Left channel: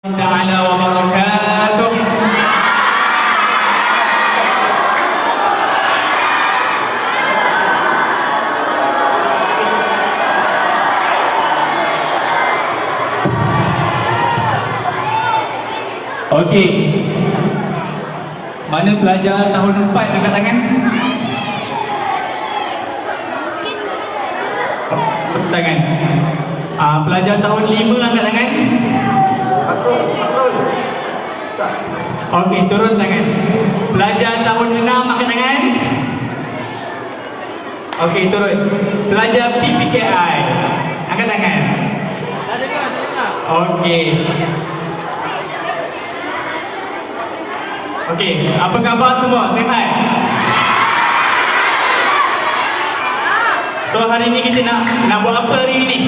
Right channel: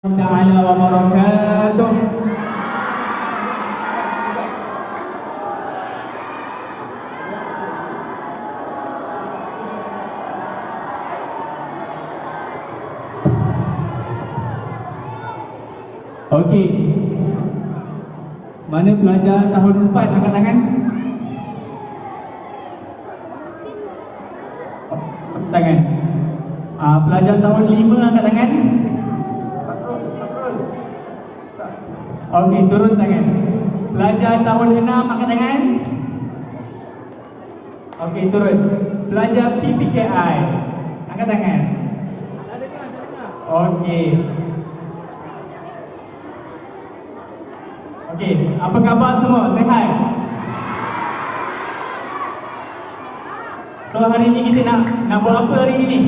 Ta'ala wa barakatuh. Okey. Mana pelajar tahun 4 angkat tangan? Tangan. Pelajar tahun 5 angkat tangan. Okey, turun tangan. Pelajar tahun 6 angkat tangan. Okey, turun. Pelajar PPKI angkat tangan. Okey. Okey, apa khabar semua? Sihat? So hari ni kita nak buat apa hari ni?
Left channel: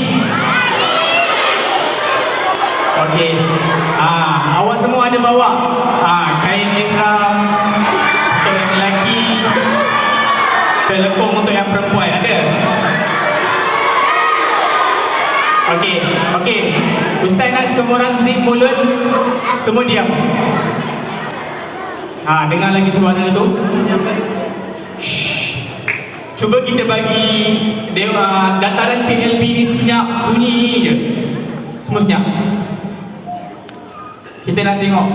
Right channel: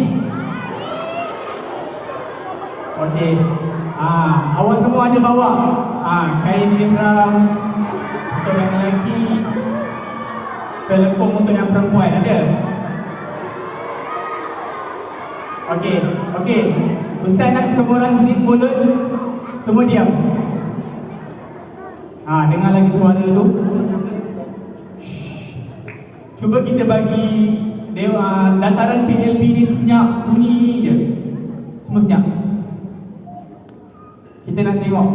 Okey. Awak semua ada bawa kain ihram untuk yang lelaki, telekung untuk yang perempuan, ada? Okey. Ustaz nak semua orang zip mulut. Semua diam. Dengar lagi suara tu. Shh. Cuba kita bagi dataran PLB ni senyap, sunyi je. Semua senyap. Kita nak tengok.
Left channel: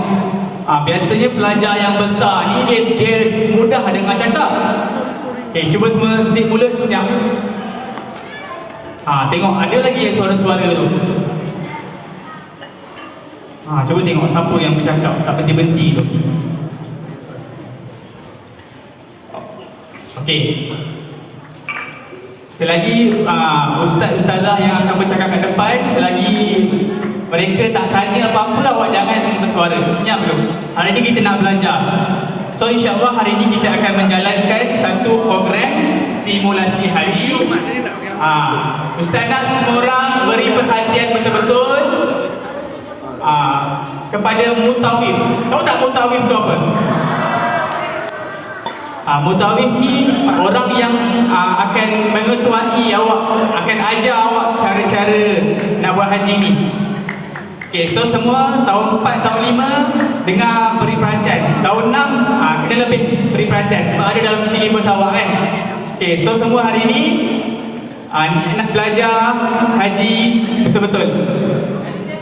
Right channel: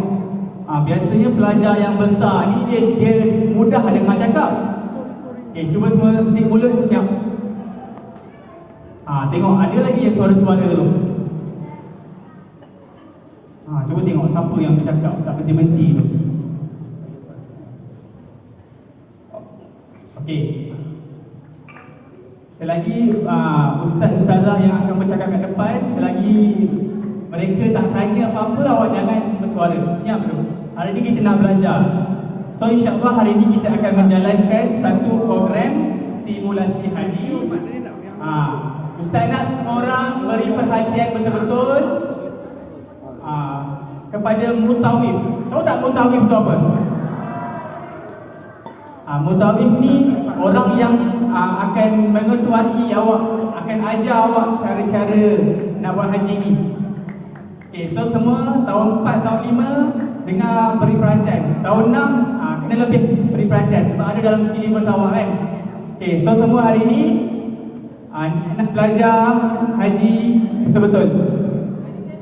Biasanya pelajar yang besar ni dia mudah dengar cakap. Okey, cuba semua zip mulut senyap. Tengok ada lagi yang suara-suara tu. Cuba tengok siapa yang bercakap tak berhenti-henti tu. Okey. Selagi ustaz-ustazah yang akan bercakap kat depan, selagi mereka tak tanya apa-apa, awak jangan bersuara. Senyap dulu. Hari ni kita nak belajar. So insya-Allah hari ni kita akan menjalankan satu program simulasi haji. Ustaz nak semua orang beri perhatian betul-betul kepada mutawif. Tahu tak mutawif tu apa? Mutawif ni orang yang akan mengetuai awak, akan ajar awak cara-cara nak buat haji ni. Okey, so semua tahun 4, tahun 5 dengar, beri perhatian. Tahun 6 kena lebih beri perhatian sebab ada dalam silibus awak kan. Okey, so semua hari ni nak belajar haji betul-betul.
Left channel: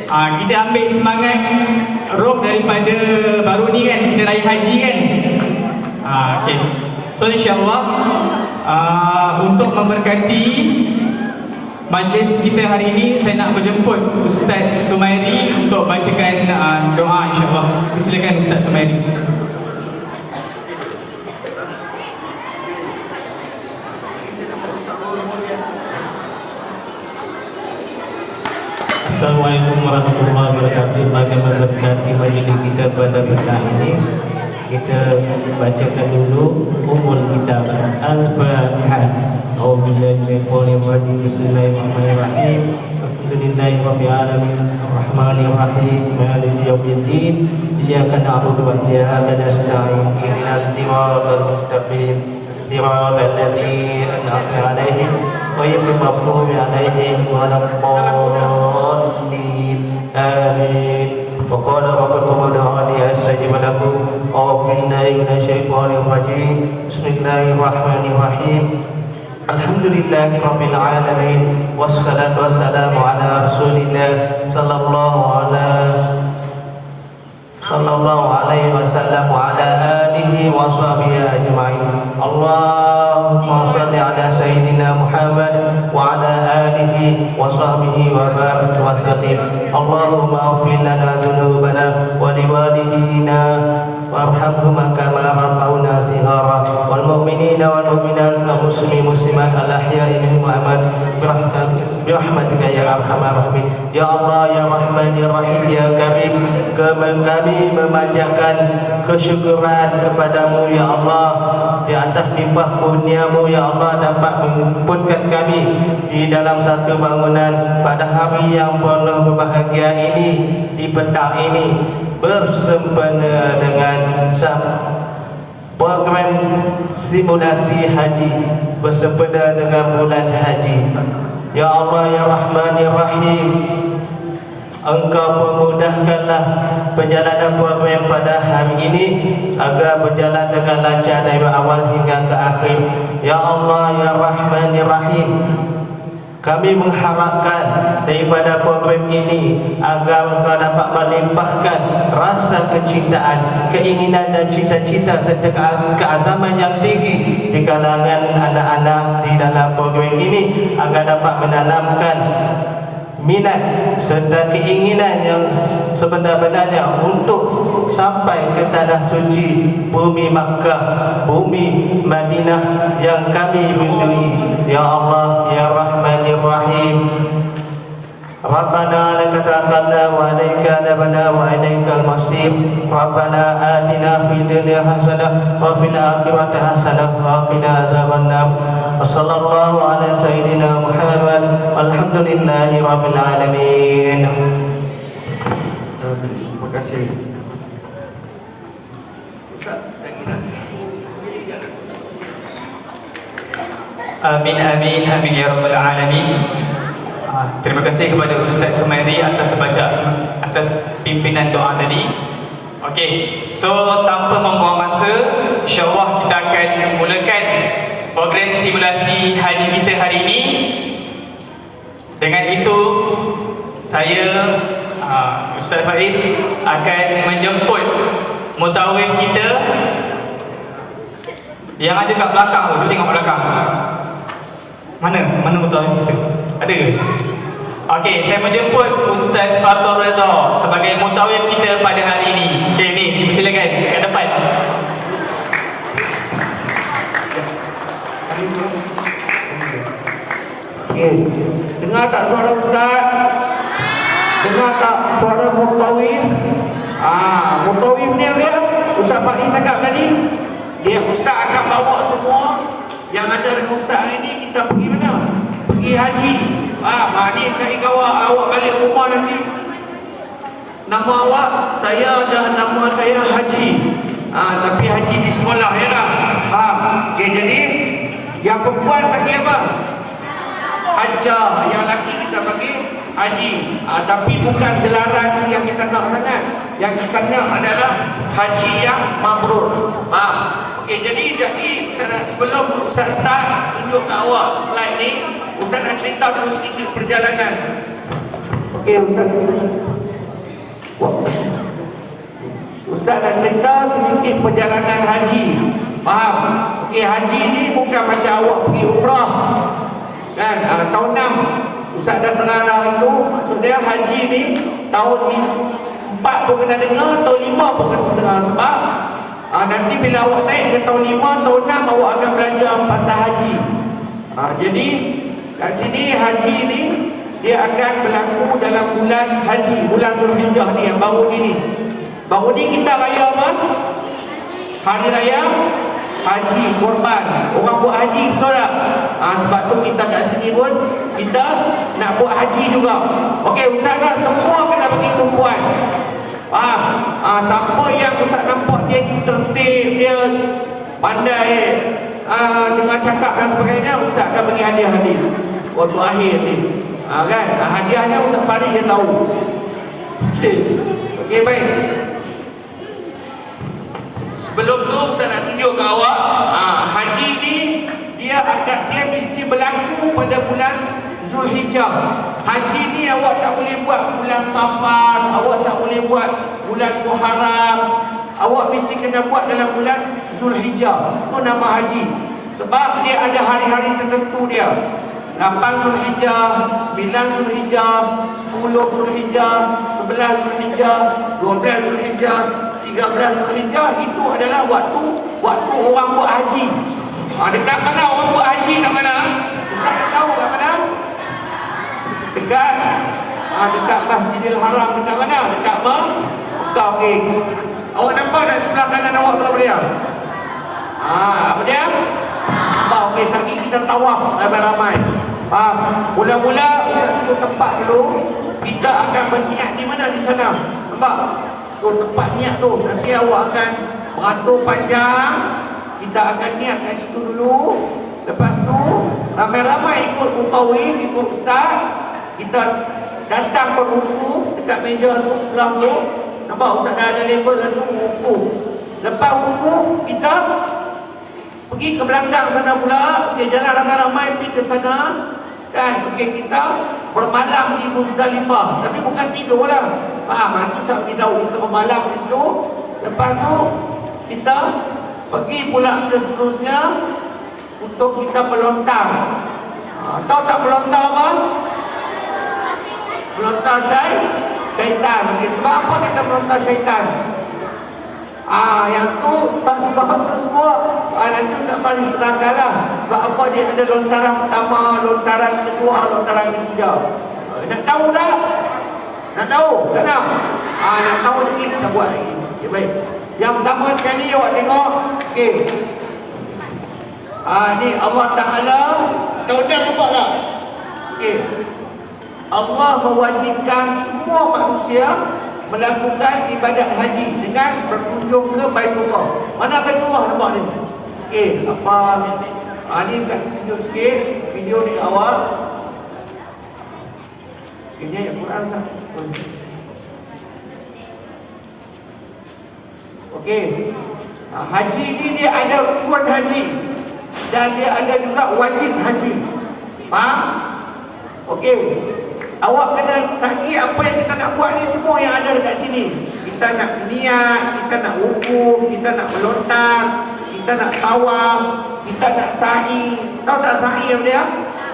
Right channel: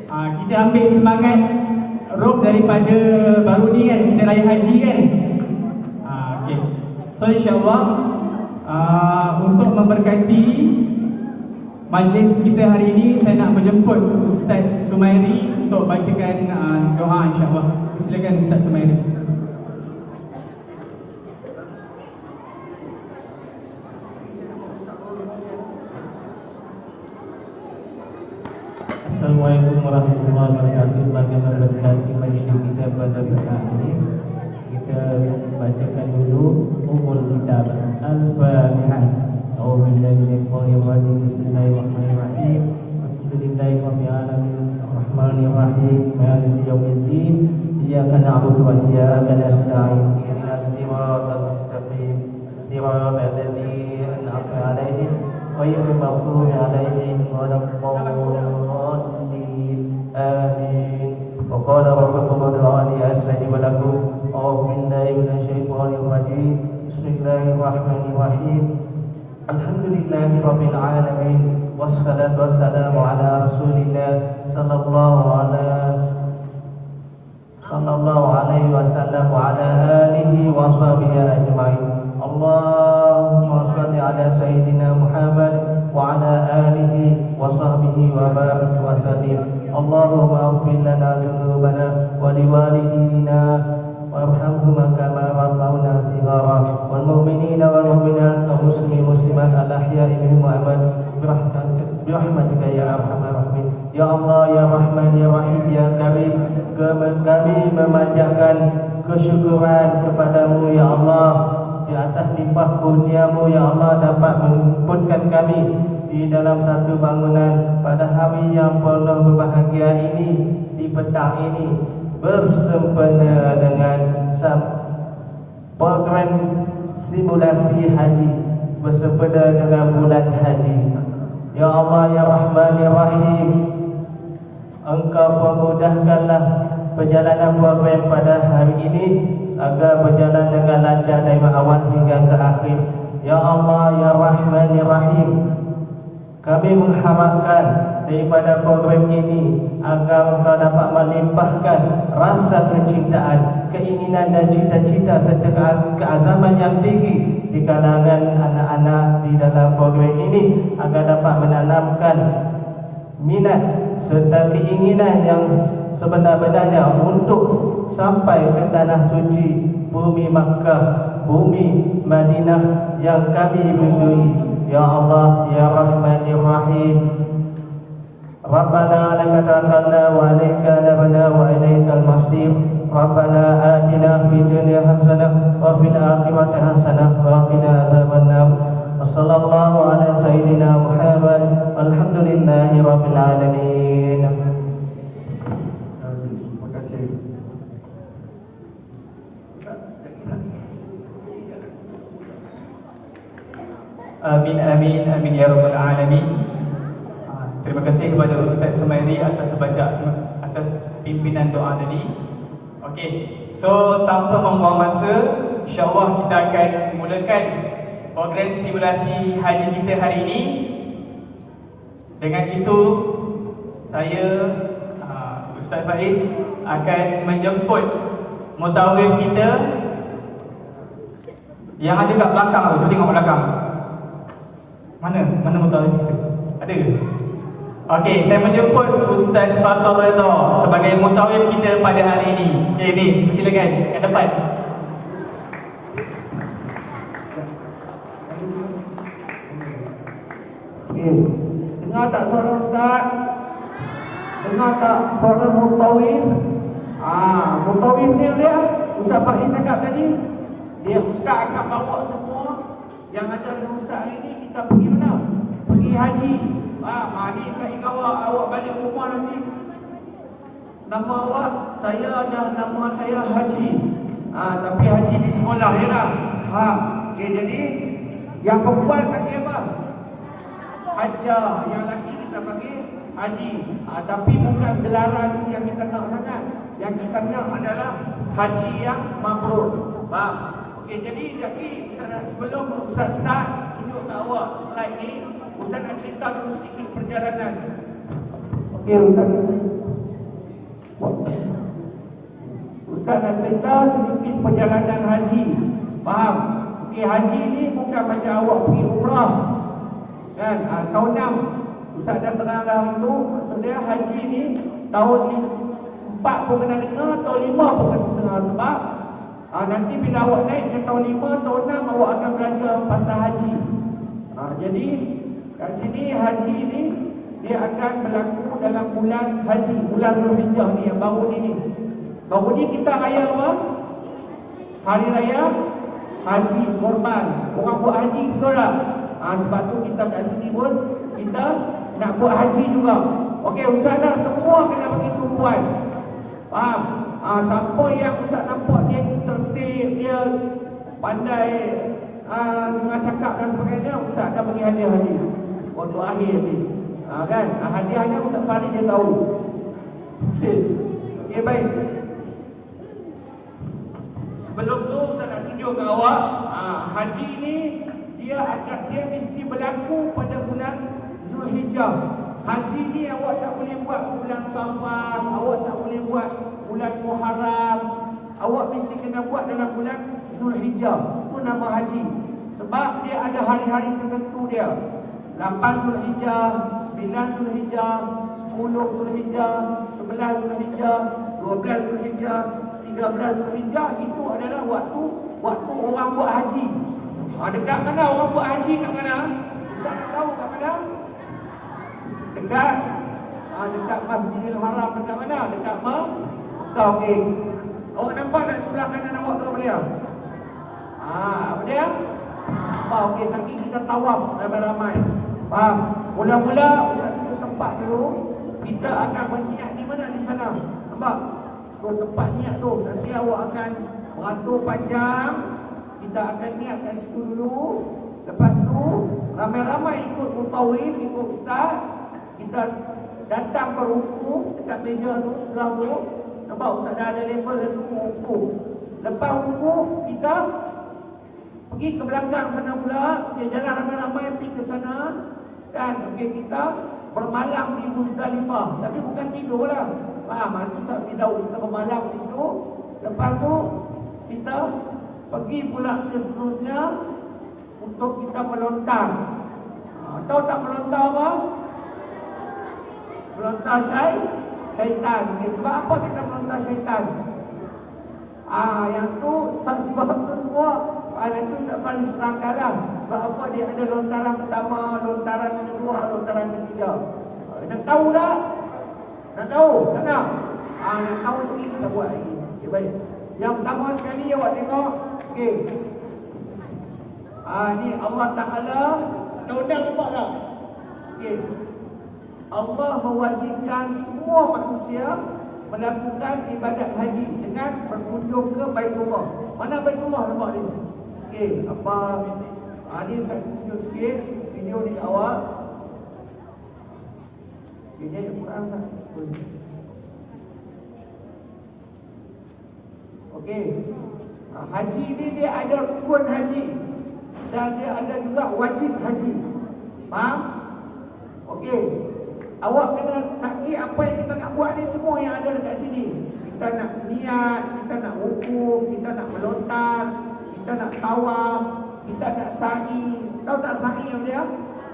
Kita ambil semangat roh daripada baru ni kan, kita raya haji kan. Okey. So insya-Allah untuk memberkati majlis kita hari ini, saya nak menjemput Ustaz Sumairi untuk bacakan doa insya-Allah. Silakan Ustaz Sumairi. Assalamualaikum warahmatullahi wabarakatuh. Bagaimana berkati majlis kita pada petang ini, kita bacakan dulu umul kitab Al-Fatihah. A'udzubillahi minasyaitonir rajim. Bismillahirrahmanirrahim. Alhamdulillahi rabbil alamin. Arrahmanir rahim. Maliki yaumiddin. Iyyaka na'budu wa iyyaka nasta'in. Ihdinas siratal mustaqim. Siratal ladzina an'amta 'alaihim ghairil maghdubi 'alaihim waladdallin. Amin. وقال ربكم ادعوني استجب لكم اعوذ بالله من الشيطان الرجيم بسم الله الرحمن الرحيم الحمد لله رب العالمين والصلاة والسلام على رسول الله صلى الله عليه وسلم وعلى آله وصحبه أجمعين اللهم صل على سيدنا محمد وعلى آله وصحبه وبارك وسلم اللهم اغفر لنا ذنوبنا ولوالدينا وارحمهما كما ربونا صغارا والمؤمنين والمؤمنات والمسلمين والمسلمات الأحياء منهم والأموات برحمتك يا أرحم الراحمين ya Allah ya Rahman ya Rahim ya Karim. Kami memanjatkan kesyukuran kepadamu ya Allah di atas limpah kurniamu ya Allah dapat mengumpulkan kami di dalam satu bangunan pada hari yang penuh berbahagia ini, di petang ini bersempena dengan program simulasi haji, bersempena dengan bulan haji. Ya Allah ya Rahman ya Rahim, Engkau pemudahkanlah perjalanan program pada hari ini agar berjalan dengan lancar dari awal hingga ke akhir. Ya Allah, Ya Rahman, Ya Rahim, kami mengharapkan daripada program ini agar Engkau dapat melimpahkan rasa kecintaan, keinginan dan cita-cita serta keazaman yang tinggi di kalangan anak-anak di dalam program ini, agar dapat menanamkan minat serta keinginan yang sebenar-benarnya untuk sampai ke tanah suci bumi Makkah, bumi Madinah yang kami rindui. Ya Allah, Ya Rahman, Ya Rahim, Rabbana laka tawakkalna wa alaika nabna wa ilaikal masir. Rabbana atina fid dunya hasanah wa fil akhirati hasanah wa qina adzabannar. Wassallallahu ala sayyidina Muhammad walhamdulillahi rabbil alamin. Terima kasih. Amin, amin, amin ya rabbal alamin. Terima kasih kepada Ustaz Sumairi atas pimpinan doa tadi. Okey, so tanpa membuang masa, insya-Allah kita akan mulakan program simulasi haji kita hari ini. Dengan itu, saya Ustaz Faiz akan menjemput mutawif kita yang ada kat belakang tu. Cuba tengok belakang. Mana mutawif kita? Ada ke? Okey, saya menjemput Ustaz Fatur Redha sebagai mutawif kita pada hari ini. Okey, ni, silakan ke depan. Okey. Dengar tak suara Ustaz? Dengar tak suara mutawif? Mutawif ni dia Ustaz Faiz cakap tadi. Dia Ustaz akan bawa semua yang ada dengan Ustaz hari ni, kita pergi mana? Pergi haji. Ni cari kawan awak balik rumah nanti. Nama awak, saya ada nama saya Haji. Tapi Haji di sekolah ya lah. Okay, jadi yang perempuan bagi apa? Haja. Yang lelaki kita bagi Haji. Tapi bukan gelaran yang kita nak sangat. Yang kita nak adalah haji yang mabrur. Okey, jadi Ustaz, sebelum Ustaz start, tunjuk kat awak slide ni. Ustaz nak cerita dulu sedikit perjalanan. Okey, Ustaz nak cerita sedikit perjalanan haji. Faham? Okey, haji ni bukan macam awak pergi umrah. Kan? Tahun 6 Ustaz dah terang itu. Maksudnya haji ni tahun 4 pun kena dengar, tahun 5 pun kena dengar. Sebab nanti bila awak naik ke tahun 5, tahun 6 awak akan belajar pasal haji. Jadi kat sini haji ni dia akan berlaku dalam bulan haji, bulan Zulhijjah ni yang baru ni. Baru ni kita raya apa? Hari raya haji korban. Orang buat haji betul tak? Sebab tu kita kat sini pun kita nak buat haji juga. Okey, Ustaz nak semua kena bagi tumpuan. Faham? Siapa yang Ustaz nampak dia tertib, dia pandai dengan cakap dan sebagainya, Ustaz akan bagi hadiah-hadiah waktu akhir ni. Kan? Hadiahnya Ustaz Farid dia tahu. Okey, baik. Sebelum tu Ustaz nak tunjuk ke awak, haji ni dia mesti berlaku pada bulan Zulhijjah. Haji ni awak tak boleh buat bulan Safar, awak tak boleh buat bulan Muharram. Awak mesti kena buat dalam bulan Zulhijjah. Itu nama haji. Sebab dia ada hari-hari tertentu dia. 8 Zulhijjah, 9 Zulhijjah, 10 Zulhijjah, 11 Zulhijjah, 12 Zulhijjah, 13 Zulhijjah. Itu adalah waktu orang buat haji. Dekat mana orang buat haji, kat mana? Ustaz tak tahu kat mana? Dekat Masjidil Haram. Dekat mana? Dekat Mekah. Okey. Awak nampak tak sebelah kanan awak tu apa dia? Apa dia? Okey, sekali kita tawaf ramai-ramai. Mula-mula Ustaz tunjuk tempat dulu. Kita akan berniat di mana di sana. Nampak? Tu tempat niat tu. Nanti awak akan beratur panjang. Kita akan niat kat situ dulu. Lepas tu ramai-ramai ikut mutawif, ikut Ustaz. Kita datang berwukuf dekat meja tu sebelah tu. Nampak Ustaz dah ada label tu wukuf. Lepas wukuf kita pergi ke belakang sana pula, okey, jalan ramai-ramai pergi ke sana kan. Okey, kita bermalam di Muzdalifah, tapi bukan tidur lah. Faham? Itu saya beritahu kita bermalam di situ. Lepas tu kita pergi pula ke seterusnya untuk kita melontar. Tahu tak melontar apa? Melontar syaitan. Okay, sebab apa kita melontar syaitan? Yang tu sebab tu semua nanti Ustaz Faris terangkan lah. Sebab apa dia ada lontaran pertama, lontaran kedua, lontaran ketiga. Nak tahu tak? Nak tahu? Tak nak? Nak tahu je kita tak buat lagi. Okay, baik. Yang pertama sekali awak tengok. Okey. Ni Allah Ta'ala. Tahu dah nampak tak? Okey. Allah mewajibkan semua manusia melakukan ibadat haji dengan berkunjung ke Baitullah. Mana Baitullah nampak ni? Okey, apa? Ni saya tunjuk sikit video di awal. Ini ayat Quran tak? Okey. Haji ni dia ada rukun haji dan dia ada juga wajib haji. Faham? Okey. Awak kena sa'i apa yang kita nak buat ni semua yang ada dekat sini. Kita nak niat, kita nak wukuf, kita nak melontar, kita nak tawaf, kita nak sa'i. Tahu tak sa'i apa dia?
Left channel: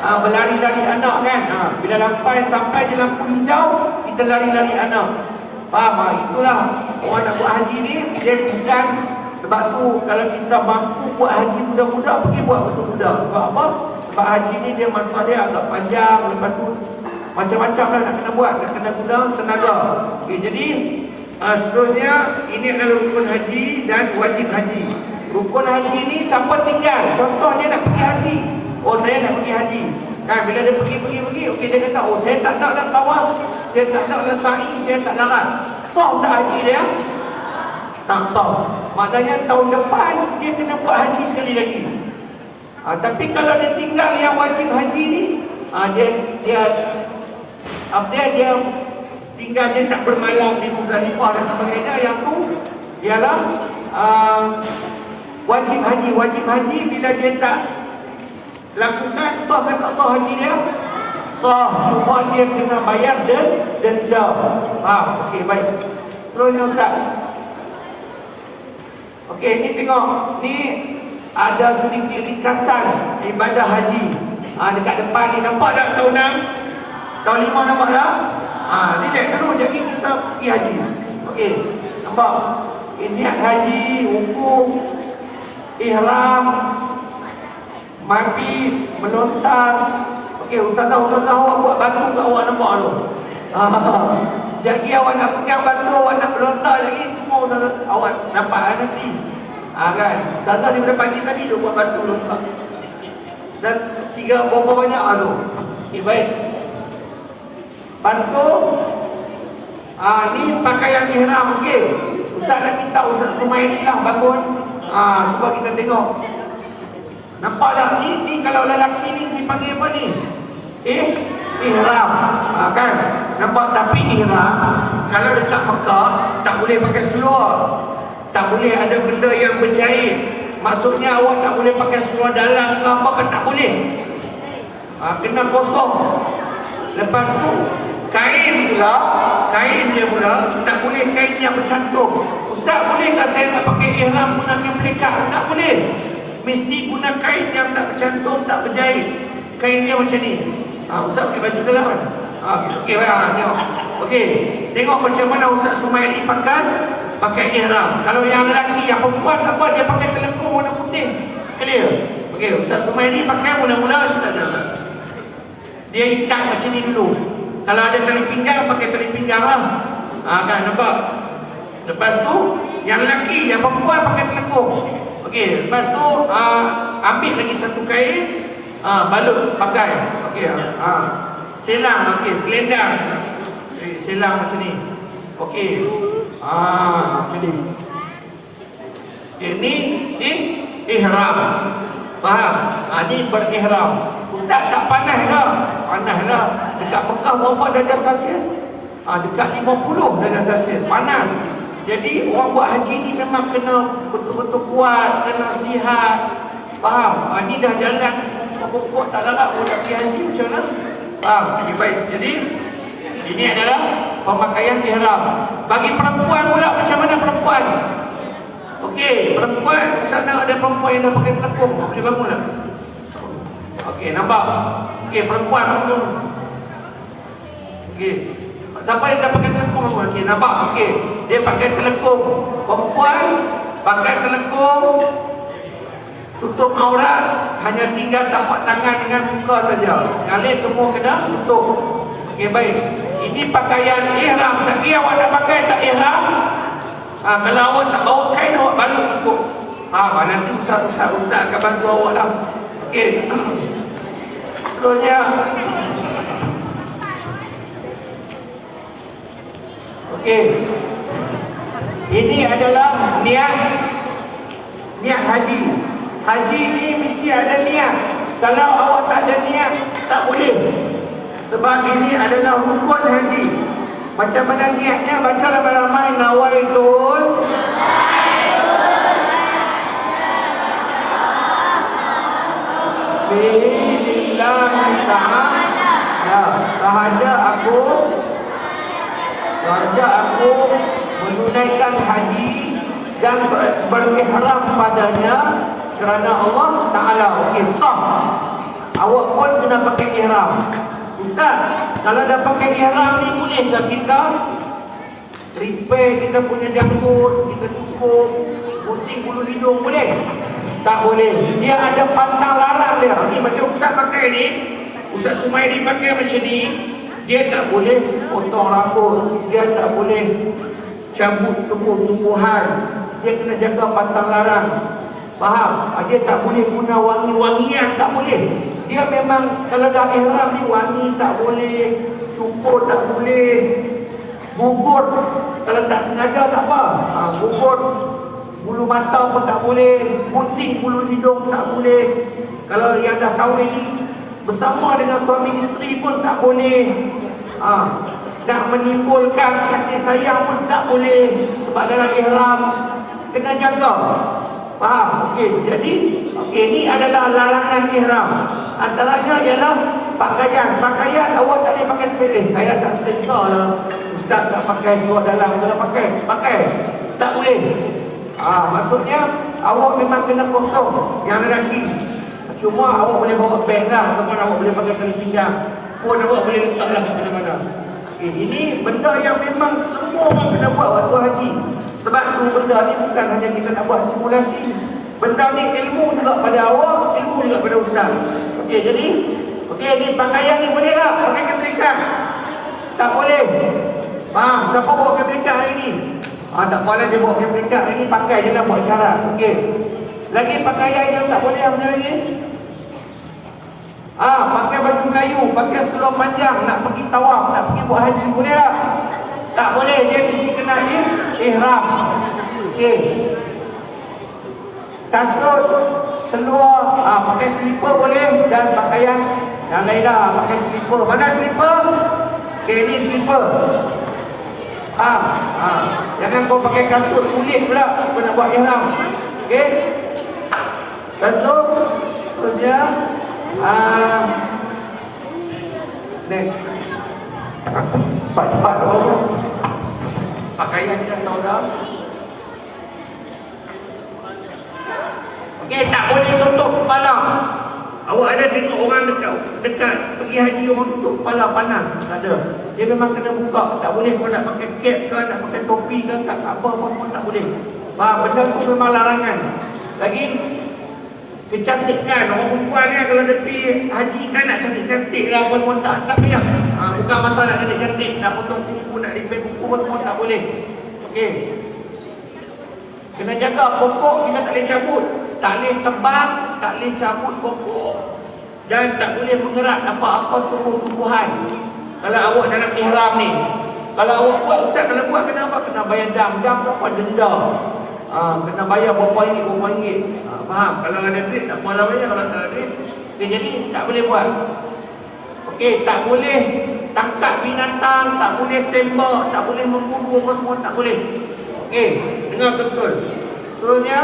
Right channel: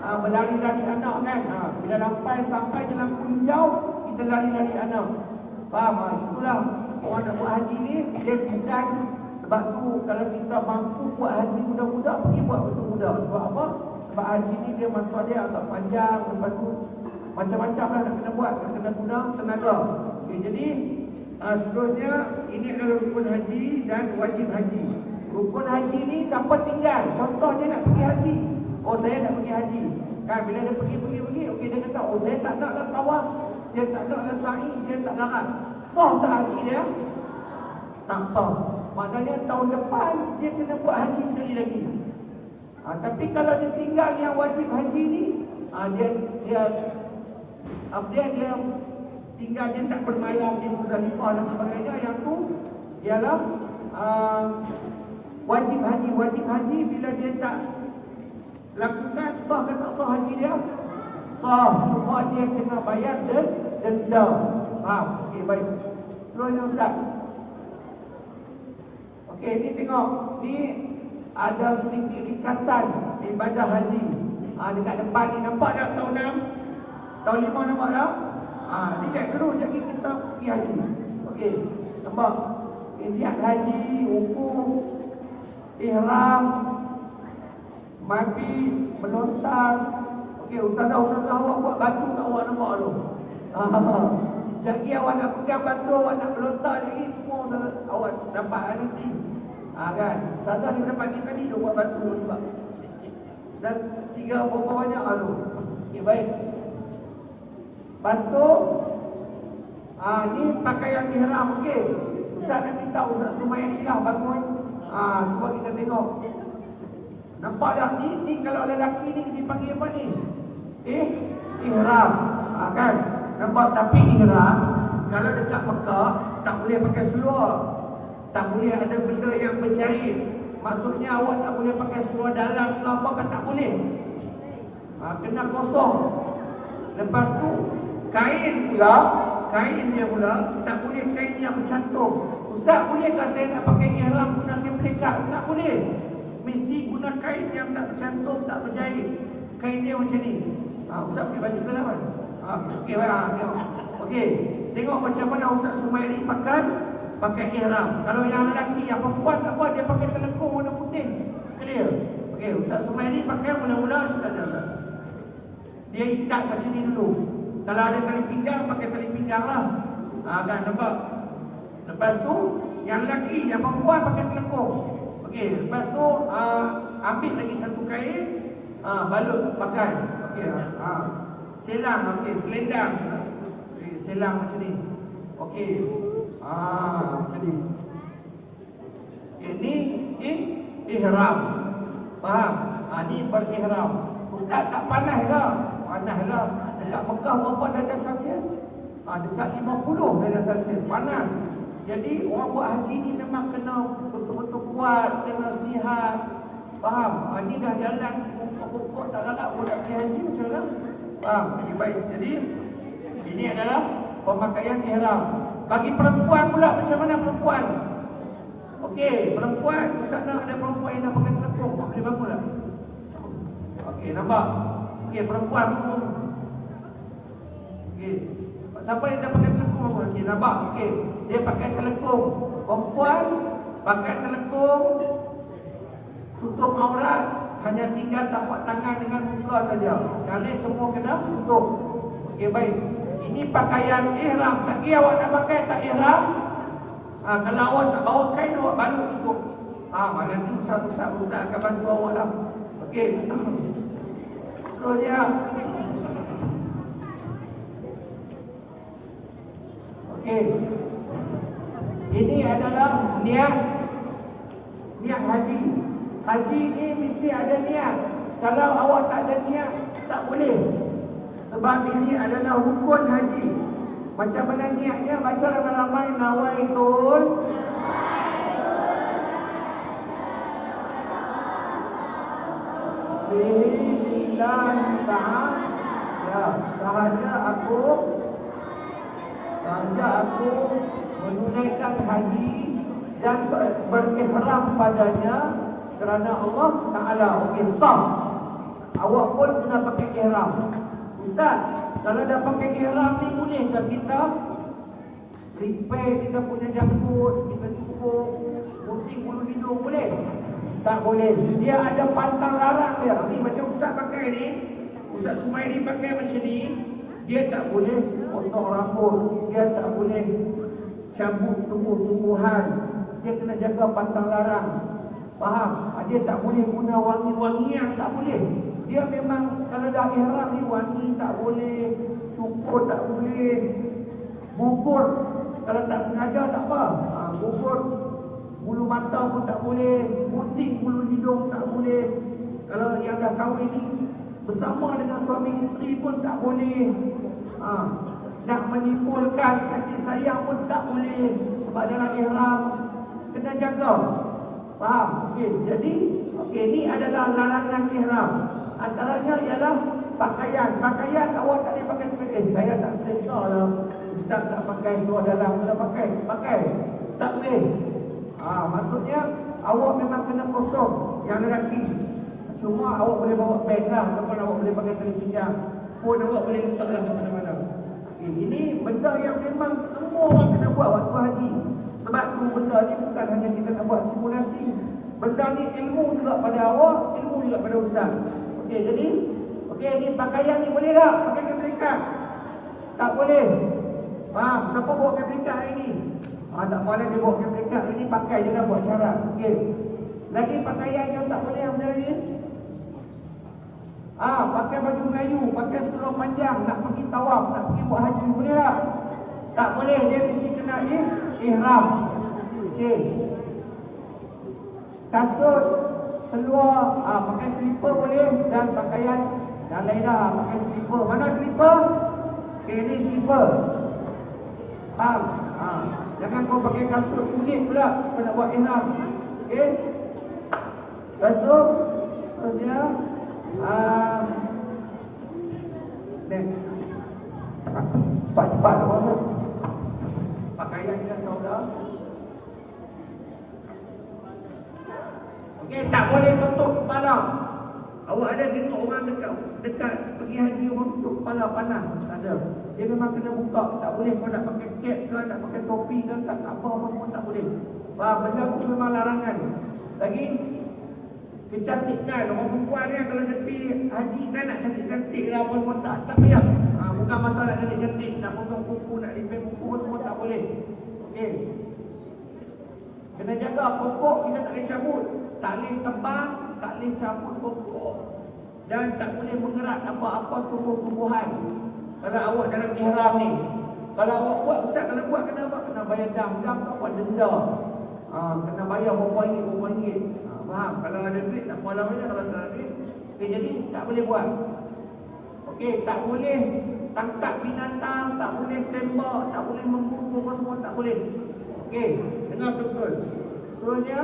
Berlari-lari anak kan. Bila sampai di lampu hijau, kita lari-lari anak. Faham? Itulah orang nak buat haji ni. Dia bukan. Sebab tu kalau kita mampu buat haji muda-muda, pergi buat waktu muda. Sebab apa? Sebab haji ni dia masa dia agak panjang. Lepas tu macam-macam lah nak kena buat, nak kena guna tenaga. Okay, jadi seterusnya ini adalah rukun haji dan wajib haji. Rukun haji ni siapa tinggal? Contohnya nak pergi haji. Oh, saya nak pergi haji. Kan bila dia pergi, okey, dia kata, oh, saya tak nak tawaf, saya tak nak sa'i, saya tak larat. Sah tak haji dia? Tak sah. Maknanya tahun depan dia kena buat haji sekali lagi. Tapi kalau dia tinggal yang wajib haji ni, dia tinggal, dia tak bermalam di Muzdalifah dan sebagainya. Yang tu ialah wajib haji. Wajib haji bila dia tak lakukan, sah ke tak sah haji dia? Sah. Cuma dia kena bayar denda. Okey, baik. Seterusnya Ustaz. Okey, ni tengok. Ni ada sedikit ringkasan ibadah haji. Dekat depan ni nampak tak tahun 6? Tahun 5 nampak tak? Ni cek dulu, jadi kita pergi haji. Okey, nampak? Niat haji, wukuf, ihram, mati, melontar. Okey, ustazah awak buat batu kat awak nampak tu. Jadi awak nak pegang batu, awak nak melontar lagi, semua ustazah awak nampak nanti. Kan? Ustazah daripada pagi tadi dia buat batu tu sebab. Dan 3 berapa banyak tu. Okey, baik. Lepas tu ni pakaian ihram. Okey, Ustaz nak minta Ustaz Sumaili lah bangun. Cuba kita tengok. Nampak tak? Ni kalau lelaki ni dipanggil apa ni? Ihram. Kan? Nampak? Tapi ihram kalau dekat Mekah tak boleh pakai seluar. Tak boleh ada benda yang berjahit. Maksudnya awak tak boleh pakai seluar dalam ke apa ke, tak boleh. Kena kosong. Lepas tu kain dia pula tak boleh kain yang bercantum. Ustaz, bolehkah saya nak pakai ihram gunakan pelikat? Tak boleh. Mesti guna kain yang tak bercantum, tak berjahit. Kain dia macam ni. Ustaz pakai baju dalam kan? Okey, tengok. Okey, tengok macam mana Ustaz Sumaili pakai ihram. Kalau yang lelaki, yang perempuan apa, dia pakai telekung warna putih. Clear? Okey, Ustaz Sumaili pakai mula-mula dia ikat macam ni dulu. Kalau ada tali pinggang, pakai tali pinggang lah. Kan, nampak? Lepas tu, yang lelaki, yang perempuan pakai telekung. Okey, lepas tu ambil lagi satu kain, balut pakai. Okey, selang, okey, selendang. Selang macam ni. Okey. Macam ni. Okey, ni ihram. Faham? Ni berihram. Ustaz tak panas lah. Panas lah. Dekat Mekah berapa darjah Celsius? Dekat 50 darjah Celsius. Panas. Jadi orang buat haji ni memang kena betul-betul kuat, kena sihat. Faham? Ni dah jalan pokok tak larat pun nak pergi haji macam mana? Faham? Okay, baik. Jadi ini adalah pemakaian ihram. Bagi perempuan pula macam mana perempuan? Okey, perempuan sana ada perempuan yang dah pakai telekung. Boleh bangun tak? Okey, nampak? Okey, perempuan bangun. Okey. Siapa yang dah pakai telekung bangun? Okey, nampak? Okey. Dia pakai telekung. Perempuan pakai telekung, tutup aurat, hanya tinggal tapak tangan dengan muka saja. Yang lain semua kena tutup. Okey, baik. Ini pakaian ihram. Sekali awak nak pakai tak ihram? Kalau awak tak bawa kain, awak balut cukup. Nanti ustaz akan bantu awak lah. Okey. Seterusnya. Okey. Ini adalah niat haji. Haji ni mesti ada niat. Kalau awak tak ada niat, tak boleh. Sebab ini adalah rukun haji. Macam mana niatnya? Baca ramai-ramai. Nawaitul Bismillah ta'ala. Sahaja aku menunaikan haji dan berihram padanya kerana Allah Ta'ala. Okey, sah. Awak pun kena pakai ihram. Ustaz, kalau dah pakai ihram ni boleh tak kita repair kita punya janggut, kita cukup gunting bulu hidung, boleh? Tak boleh. Dia ada pantang larang dia. Ni macam Ustaz pakai ni, Ustaz Sumairi pakai macam ni, dia tak boleh potong rambut, dia tak boleh cabut tumbuh-tumbuhan, dia kena jaga pantang larang. Faham? Dia tak boleh guna wangi-wangian, tak boleh. Dia memang kalau dah ihram ni wangi tak boleh, cukur tak boleh, gugur kalau tak sengaja tak apa. Gugur bulu mata pun tak boleh, gunting bulu hidung tak boleh. Kalau yang dah kahwin ni bersama dengan suami isteri pun tak boleh. Nak menimbulkan kasih sayang pun tak boleh sebab dalam ihram kena jaga. Faham? Okey, jadi ni adalah larangan ihram. Antaranya ialah pakaian. Pakaian awak tak boleh pakai sepele. Saya tak selesa lah Ustaz tak pakai seluar dalam. Kena pakai. Tak boleh. Maksudnya awak memang kena kosong. Yang lelaki cuma awak boleh bawa beg lah, ataupun awak boleh pakai tali pinggang. Phone awak boleh letak lah kat mana-mana. Ini benda yang memang semua orang kena buat waktu haji. Sebab tu benda ni bukan hanya kita nak buat simulasi. Benda ni ilmu juga pada awak, ilmu juga pada ustaz. Okey, jadi ni pakaian ni boleh tak pakai keblikat? Tak boleh. Faham? Siapa bawa keblikat hari ni? Tak boleh dia bawa keblikat hari ni, pakai je lah buat syarat. Okey. Lagi pakaian yang tak boleh apa lagi? Pakai baju Melayu, pakai seluar panjang, nak pergi tawaf, nak pergi buat haji, boleh tak? Tak boleh, dia mesti kena ihram. Okey. Kasut, seluar, pakai slipper boleh, dan pakaian yang lain dah, pakai slipper. Mana slipper? Okey, ni slipper. Jangan kau pakai kasut kulit pula, kau nak buat ihram. Okey? Kasut, terusnya, next. Cepat-cepat pakaian kita tahu dah. Okey, tak boleh tutup kepala. Awak ada tengok orang dekat pergi haji orang tutup kepala panas? Tak ada. Dia memang kena buka. Tak boleh kau nak pakai cap ke, nak pakai topi ke, apa pun tak boleh. Faham? Benda tu memang larangan. Lagi kecantikan orang perempuan ni kalau dia pergi haji kan nak cantik-cantik lah pun tak payah. Bukan masalah nak cantik-cantik, nak potong kuku, nak repair kuku pun tak boleh. Okey. Kena jaga pokok kita tak boleh cabut. Tak boleh tebang, tak boleh cabut pokok. Dan tak boleh mengerat apa-apa tumbuh-tumbuhan. Kalau awak dalam ihram ni, kalau awak buat, ustaz kalau buat kena apa? Kena bayar dam apa? Denda. Kena bayar berapa ringgit. Faham? Kalau ada duit tak malah bayar, kalau tak ada duit. Okay, jadi tak boleh buat. Okey, tak boleh tangkap binatang, tak boleh tembak, tak boleh membunuh, apa semua tak boleh. Okey, dengar betul. Seterusnya